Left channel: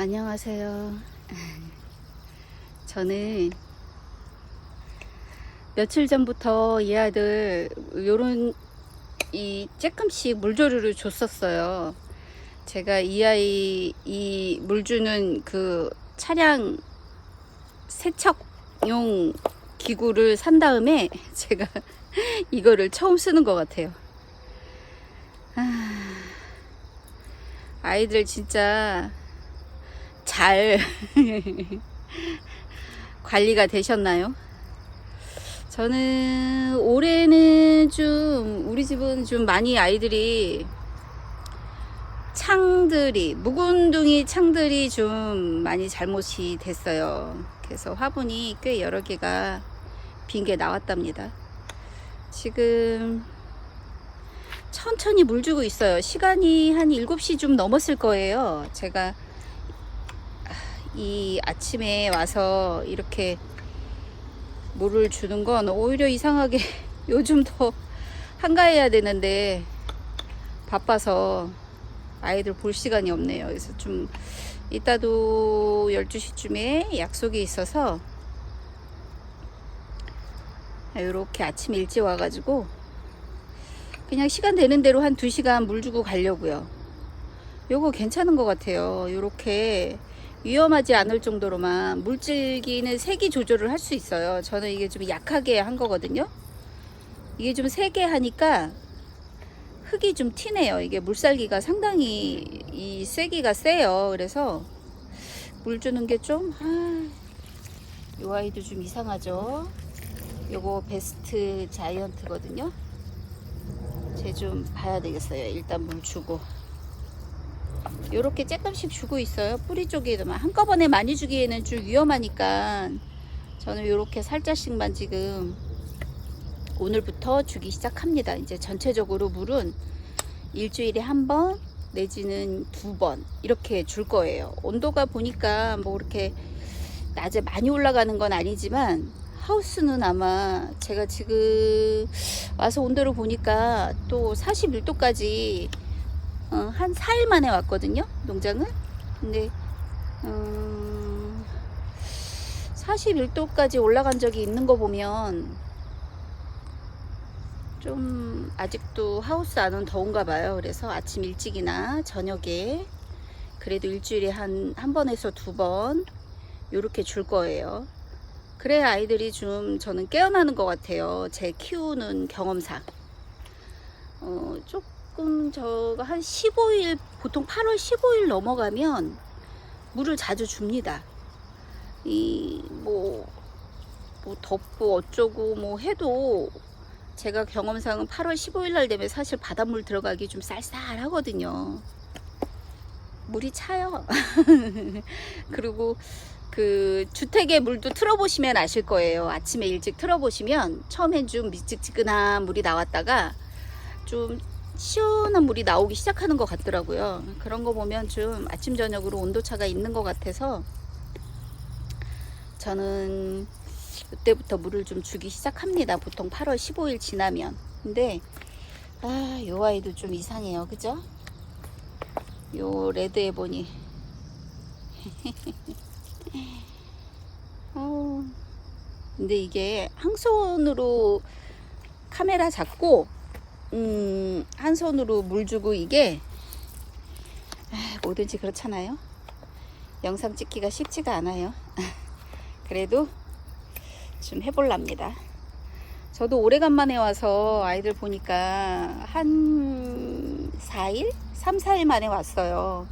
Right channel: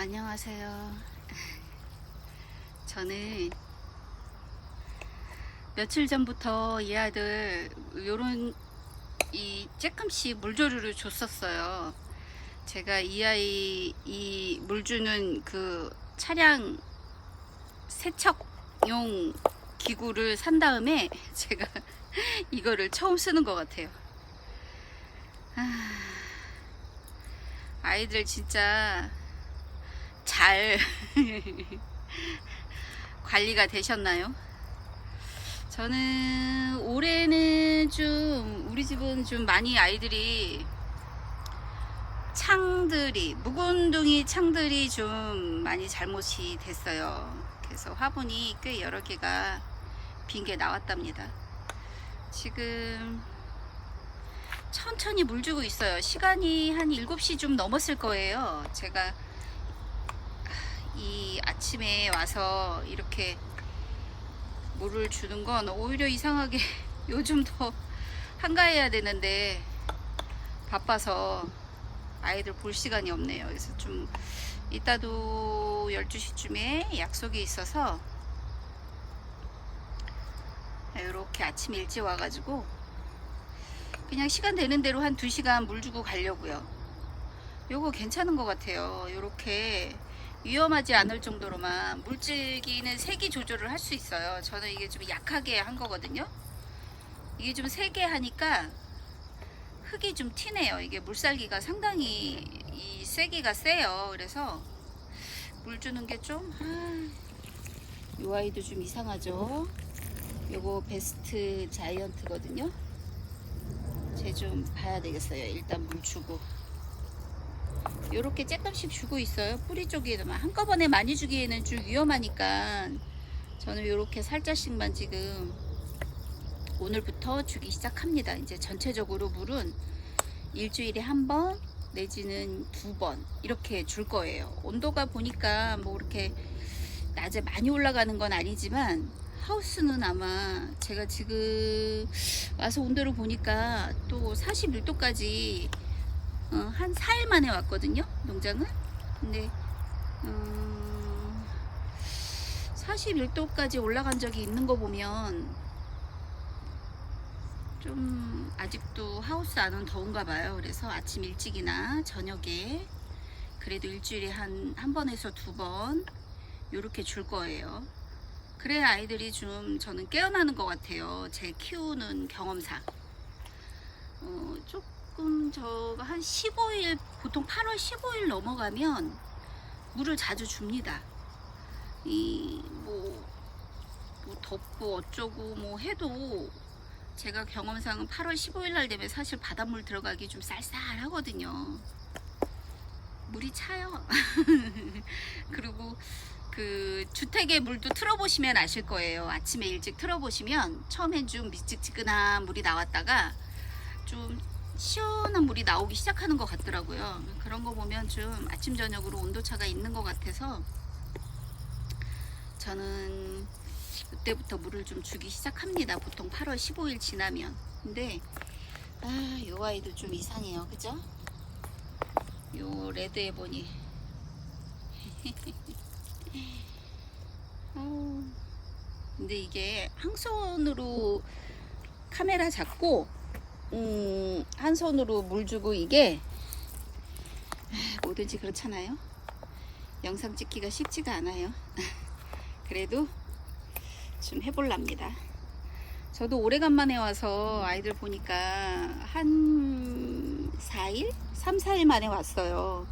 안녕하세요. 저는 며칠 전부터 이 아들 요런 조금씩 물조리를 줬었어요. 제가 이 아이 물 주는 그 차량 세척용 기구를 산 다음에 제가 이거를 처음 쓰는 것 같아요. 아이들 진짜 잘 관리가 되셨나요? 저는 올해는 좀 우리 집은 좀 많이 아이들이 묵은둥이 창들이 좀 많이 잘못이 됐어요. 그래서 화분이 꽤 여러 개가 빈 게 나왔답니다. 지금 천천히 물 주고 있어요. 시간이 한 7시 좀 넘었을 거예요. 제가 이 아침에 와서 이렇게 물을 주는 건 오히려 이상하게 요즘 더 한가해야 되는데 바빠서 아이들 볼 시간이 없네요. 그래서 좀 이따도 12시쯤에 약속이 있어서 이렇게 아침 일찍 와가지고 그냥 시간 되는 대로 한 2시간 물 주고 가려고요. 요거 괜찮은 것 같아요. 이렇게 위험하지 않을 정도로만 물질기는 세기 조절을 할 수 있어요. 저는 이게 좀 약하게 한 거거든요. 이게 좀 세게 하니까 흙이 좀 튀네요. 이게 물살기가 상당히 이 세기가 세요. 그래서 물 주는 게 좀 요 아이도 좀 이상하죠. 요거 베스트 자이언트거든요. 쟤 좀 봐야 되겠어요. 일단 물 주고 요렇게 조금씩 주고 있어요. 뿌리 쪽에도만 한꺼번에 많이 주기에는 좀 위험하니까 저는 요렇게 살짝씩만 지금 오늘부터 주기 시작합니다. 이제 전체적으로 물은 일주일에 1번 내지는 2번 이렇게 줄 거예요. 온도가 보니까 뭐 이렇게 낮에 많이 올라가는 건 아니지만 하우스는 아마 제가 지금 와서 온도를 보니까 또 41도까지 한 4일 만에 왔거든요, 농장을. 근데 41도까지 올라간 적이 있는 거 보면 좀 아직도 하우스 안은 더운가 봐요. 그래서 아침 일찍이나 저녁에 그래도 일주일에 한 번에서 2번 요렇게 줄 거예요. 그래야 아이들이 좀 저는 깨어나는 것 같아요. 제 키우는 경험상. 조금 저가 한 15일, 보통 8월 15일 넘어가면 물을 자주 줍니다. 뭐 덥고 어쩌고 뭐 해도 제가 경험상은 8월 15일 날 되면 사실 바닷물 들어가기 좀 쌀쌀하거든요. 물이 차요. 그리고 그 주택의 물도 틀어보시면 아실 거예요. 아침에 일찍 틀어보시면 처음엔 좀 미지근한 물이 나왔다가 좀 시원한 물이 나오기 시작하는 것 같더라고요. 그런 거 보면 좀 아침 저녁으로 온도차가 있는 것 같아서 저는 그때부터 물을 좀 주기 시작합니다. 보통 8월 15일 지나면. 근데 요 아이도 좀 이상해요. 그죠? 요 레드 에보니 근데 이게 한 손으로 카메라 잡고 한 손으로 물 주고 이게 뭐든지 그렇잖아요. 영상 찍기가 쉽지가 않아요. 그래도 좀 해볼랍니다. 저도 오래간만에 와서 아이들 보니까 한 4일? 3, 4일 만에 왔어요.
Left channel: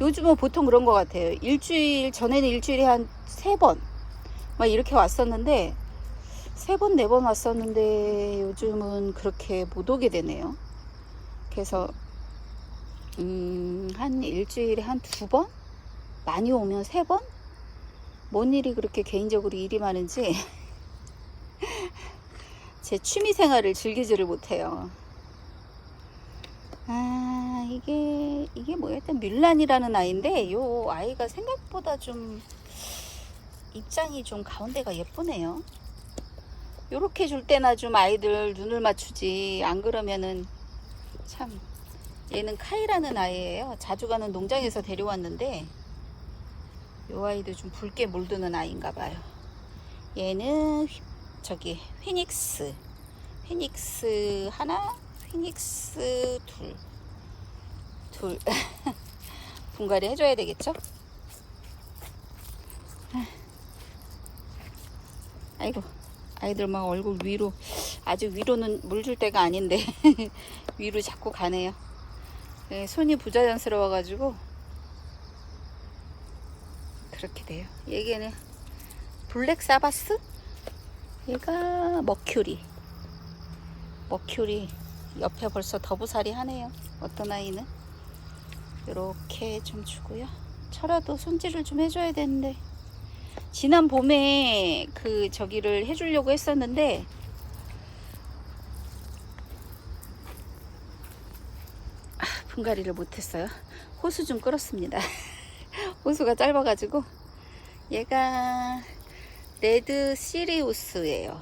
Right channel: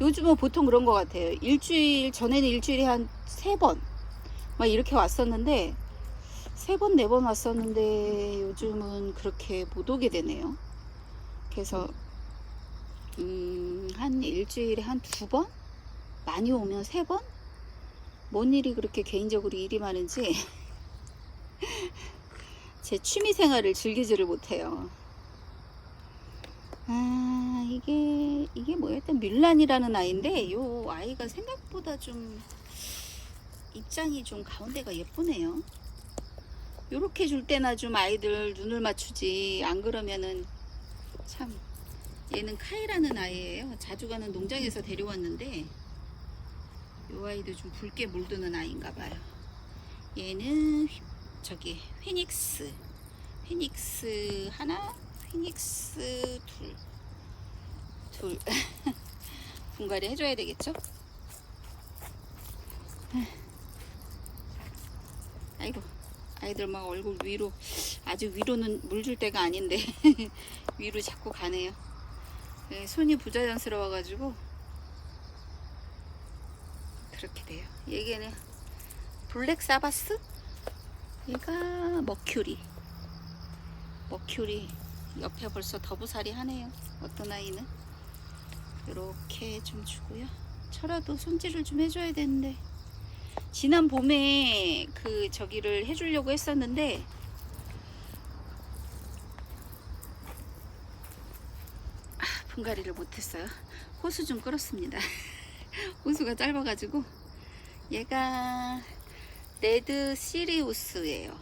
요즘은 보통 그런 것 같아요. 일주일 전에는 일주일에 한 3번 막 이렇게 왔었는데 3번, 4번 왔었는데 요즘은 그렇게 못 오게 되네요. 그래서 한 일주일에 한 2번? 많이 오면 3번? 뭔 일이 그렇게 개인적으로 일이 많은지 제 취미생활을 즐기지를 못해요. 이게 뭐야? 또 밀란이라는 아이인데 이 아이가 생각보다 좀 입장이 좀 가운데가 예쁘네요. 요렇게 줄 때나 좀 아이들 눈을 맞추지, 안 그러면은 참. 얘는 카이라는 아이예요. 자주 가는 농장에서 데려왔는데 요 아이도 좀 붉게 물드는 아이인가 봐요. 얘는 저기 피닉스 하나, 피닉스 둘 분갈이 해줘야 되겠죠? 아이고, 아이들 막 얼굴 위로, 아직 위로는 물 줄 때가 아닌데 위로 자꾸 가네요. 네, 손이 부자연스러워 가지고 그렇게 돼요. 얘는 블랙 사바스, 얘가 머큐리 옆에 벌써 더부살이 하네요. 어떤 아이는 이렇게 좀 주고요. 철화도 손질을 좀 해줘야 되는데, 지난 봄에 그 저기를 해주려고 했었는데 분갈이를 못했어요. 호수 좀 끌었습니다. 호수가 짧아가지고. 얘가 레드 시리우스예요.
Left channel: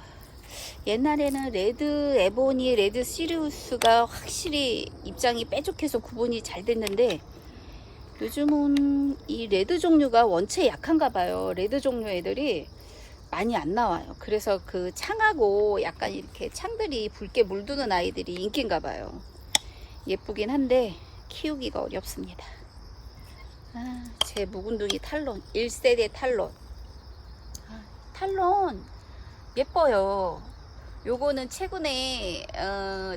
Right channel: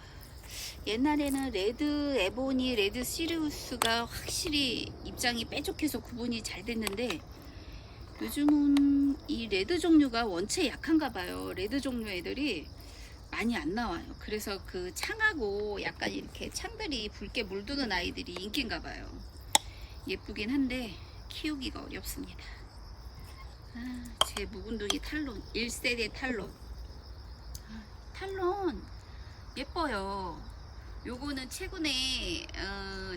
옛날에는 레드 에보니, 레드 시리우스가 확실히 입장이 뾰족해서 구분이 잘 됐는데, 요즘은 이 레드 종류가 원체 약한가 봐요. 레드 종류 애들이 많이 안 나와요. 그래서 그 창하고 약간 이렇게 창들이 붉게 물드는 아이들이 인기인가 봐요. 예쁘긴 한데 키우기가 어렵습니다. 제 묵은둥이 탈론, 1세대 탈론. 탈론 예뻐요. 요거는 최근에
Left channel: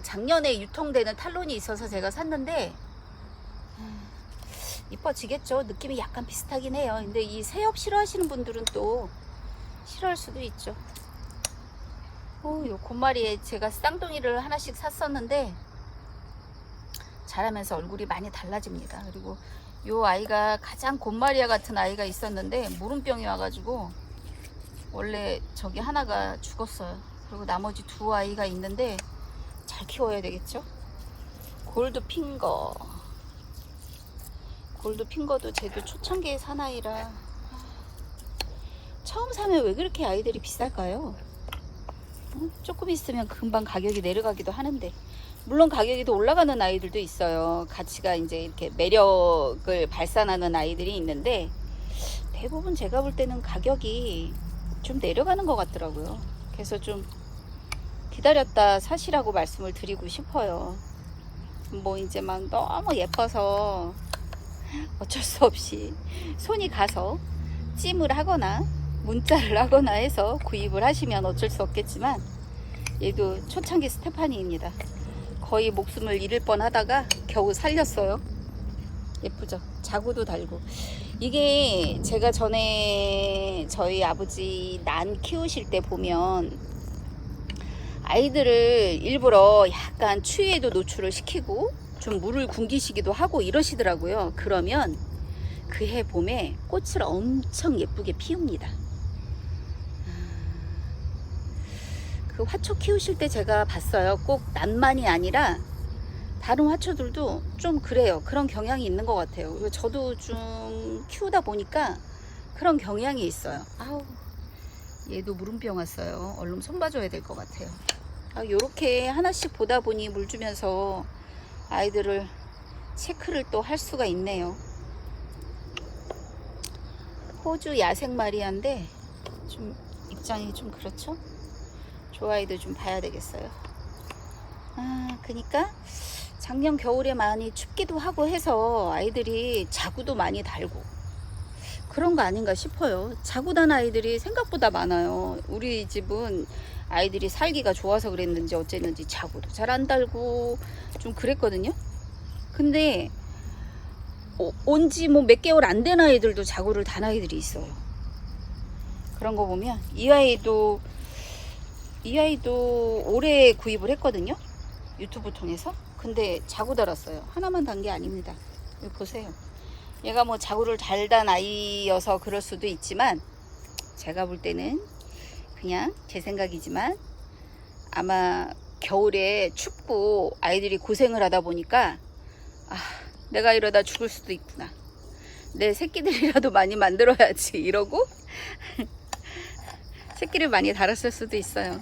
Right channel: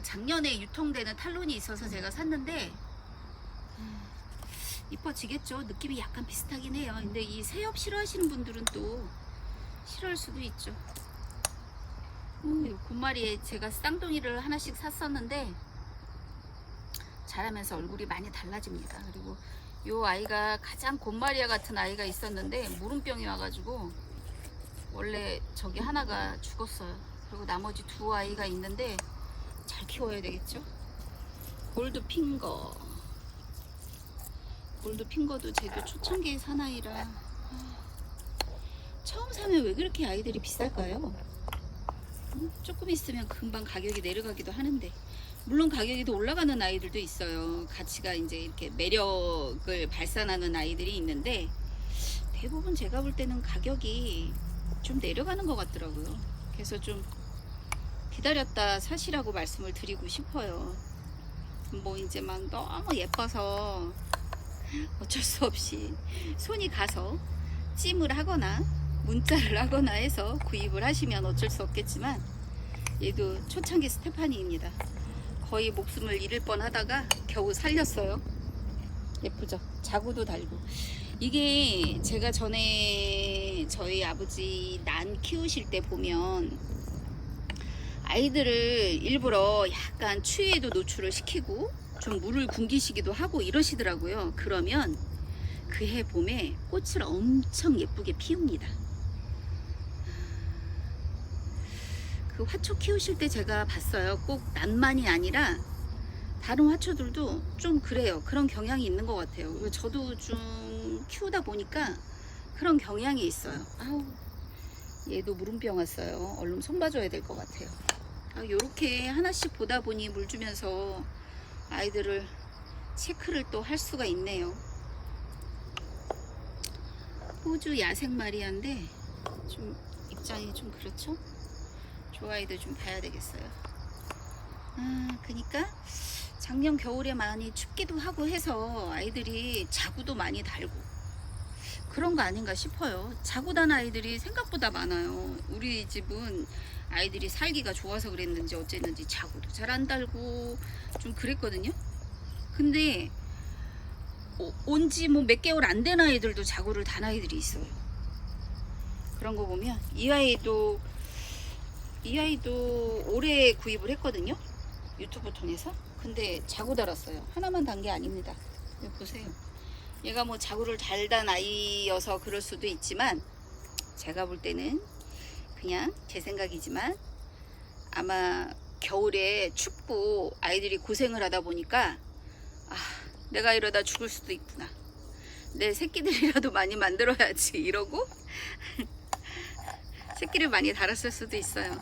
작년에 유통되는 탈론이 있어서 제가 샀는데 이뻐지겠죠. 느낌이 약간 비슷하긴 해요. 근데 이 새엽 싫어하시는 분들은 또 싫어할 수도 있죠. 요 곰마리에 제가 쌍둥이를 하나씩 샀었는데 자라면서 얼굴이 많이 달라집니다. 그리고 요 아이가 가장 곰마리아 같은 아이가 있었는데 무름병이 와가지고 원래 저기 하나가 죽었어요. 그리고 나머지 두 아이가 있는데 잘 키워야 되겠죠. 골드핑거도 쟤도 초창기에 산 아이라 처음 사면 왜 그렇게 아이들이 비쌀까요? 조금 있으면 금방 가격이 내려가기도 하는데, 물론 가격이 더 올라가는 아이들도 있어요. 가치가 이제 이렇게 매력을 발산하는 아이들이 있는데, 대부분 제가 볼 때는 가격이 좀 내려가는 것 같더라고요. 그래서 좀 기다렸다 사시라고 말씀을 드리고 싶어요. 뭐 이제 막 너무 예뻐서 어쩔 수 없이 손이 가서 찜을 하거나 문자를 하거나 해서 구입을 하시면 어쩔 수 없겠지만, 얘도 초창기 스테파니입니다. 거의 목숨을 잃을 뻔 하다가 겨우 살렸어요. 예쁘죠? 자구도 달고. 이게 제가 전에 저희 아버지 난 키우실 때 보면 아이들을 일부러 약간 추위에도 노출을 시키고 좀 물을 굶기시기도 하고 이러시더라고요. 그러면 그 해 봄에 꽃을 엄청 예쁘게 피웁니다. 그 화초 키우실 때 제가 봤어요. 꼭 난만이 아니라 다른 화초들도 좀 그래요. 그런 경향이 있는 것 같아요. 그리고 저도 좀 키우다 보니까 그런 경향이 있어요. 아우, 얘도 무름병 왔어요. 얼른 손 봐줘야 될 것 같아요. 요렇게 하나씩 보다 보니 물 주면서 아이들을 체크를 또 할 수가 있네요. 호주 야생 마리아인데 좀 입장이 좀 그렇죠? 저 아이도 좀 봐야 되겠어요. 그러니까 작년 겨울에 많이 춥기도 하고 해서 아이들이 자구도 많이 달고 그런 거 아닌가 싶어요. 자구 단 아이들이 생각보다 많아요. 우리 집은 아이들이 살기가 좋아서 그랬는지 어쨌는지 자구도 잘 안 달고 좀 그랬거든요. 근데 온지 뭐 몇 개월 안 된 아이들도 자구를 단 아이들이 있어요. 그런 거 보면 이 아이도 올해 구입을 했거든요. 유튜브 통해서. 근데 자구 달았어요. 하나만 단 게 아닙니다. 여기 보세요. 얘가 뭐 자구를 잘 단 아이여서 그럴 수도 있지만, 제가 볼 때는 그냥 제 생각이지만 아마 겨울에 춥고 아이들이 고생을 하다 보니까 내가 이러다 죽을 수도 있구나, 내 새끼들이라도 많이 만들어야지 이러고 새끼를 많이 달았을 수도 있어요.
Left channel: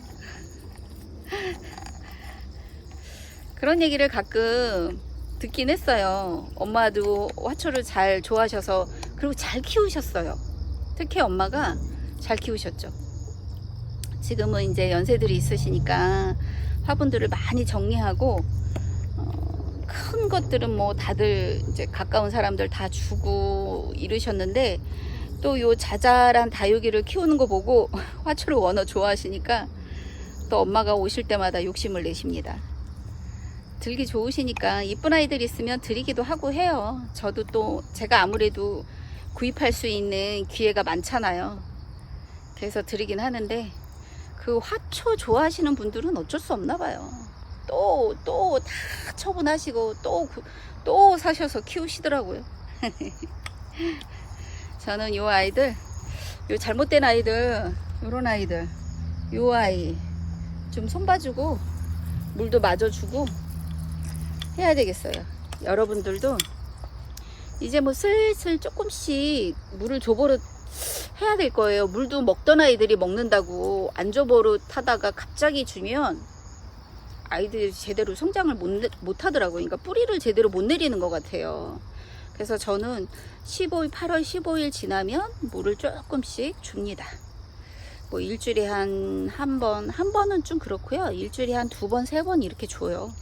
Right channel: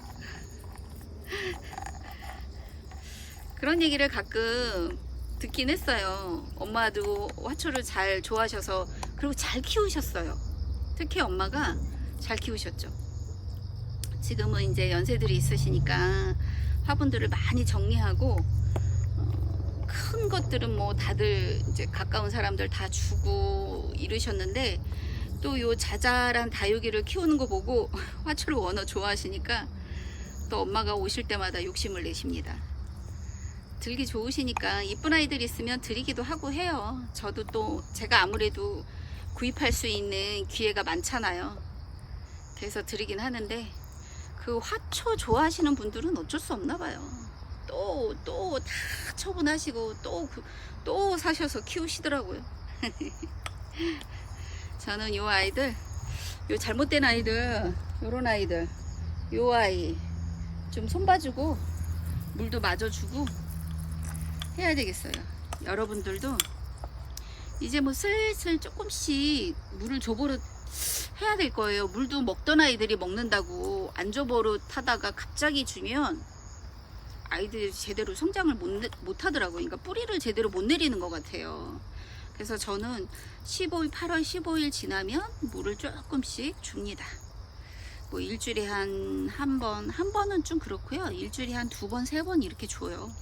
그런 얘기를 가끔 듣긴 했어요. 엄마도 화초를 잘 좋아하셔서, 그리고 잘 키우셨어요. 특히 엄마가 잘 키우셨죠. 지금은 이제 연세들이 있으시니까 화분들을 많이 정리하고 큰 것들은 뭐 다들 이제 가까운 사람들 다 주고 이러셨는데, 또 요 자잘한 다육이를 키우는 거 보고 화초를 워낙 좋아하시니까 또 엄마가 오실 때마다 욕심을 내십니다. 들기 좋으시니까 이쁜 아이들 있으면 드리기도 하고 해요. 저도 또 제가 아무래도 구입할 수 있는 기회가 많잖아요. 그래서 드리긴 하는데, 그 화초 좋아하시는 분들은 어쩔 수 없나 봐요. 또 다 처분하시고 또 사셔서 키우시더라고요. 저는 요 아이들, 요 잘못된 아이들, 요런 아이들, 요 아이 좀 손봐주고 물도 맞아주고 해야 되겠어요. 여러분들도 이제 뭐 슬슬 조금씩 물을 줘버릇 해야 될 거예요. 물도 먹던 아이들이 먹는다고 안 줘버릇 하다가 갑자기 주면 아이들이 제대로 성장을 못 하더라고요. 그러니까 뿌리를 제대로 못 내리는 것 같아요. 그래서 저는 8월 15일 지나면 물을 조금씩 줍니다. 뭐 일주일에 한 번은 좀 그렇고요. 일주일에 한 2번, 3번 이렇게 줘요.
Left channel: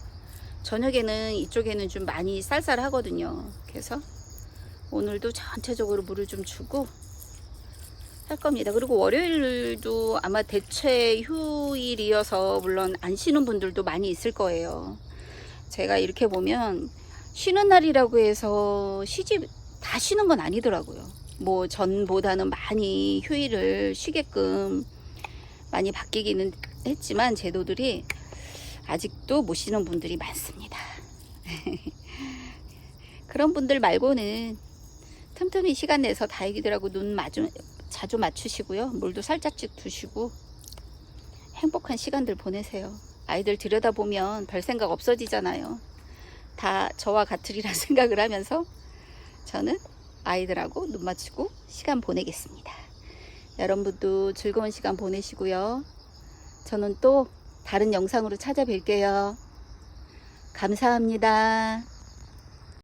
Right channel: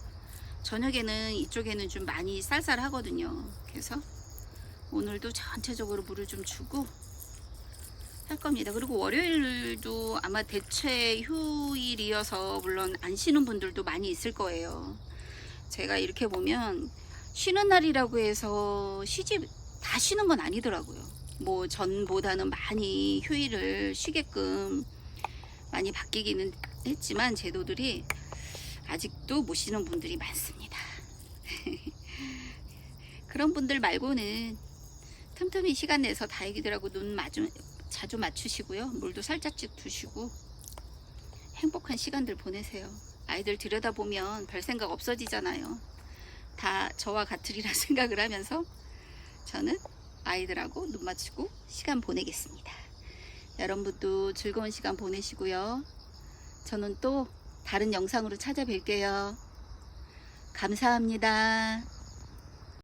저녁에는 이쪽에는 좀 많이 쌀쌀하거든요. 그래서 오늘도 전체적으로 물을 좀 주고 할 겁니다. 그리고 월요일도 아마 대체 휴일이어서 물론 안 쉬는 분들도 많이 있을 거예요. 제가 이렇게 보면 쉬는 날이라고 해서 다 쉬는 건 아니더라고요. 뭐 전보다는 많이 휴일을 쉬게끔 많이 바뀌기는 했지만 제도들이 아직도 못 쉬는 분들이 많습니다. 그런 분들 말고는 틈틈이 시간 내서 다육이들하고 눈 자주 맞추시고요. 물도 살짝씩 두시고 행복한 시간들 보내세요. 아이들 들여다보면 별 생각 없어지잖아요. 다 저와 같으리라 생각을 하면서 저는 아이들하고 눈 맞추고 시간 보내겠습니다. 여러분도 즐거운 시간 보내시고요. 저는 또 다른 영상으로 찾아뵐게요. 감사합니다.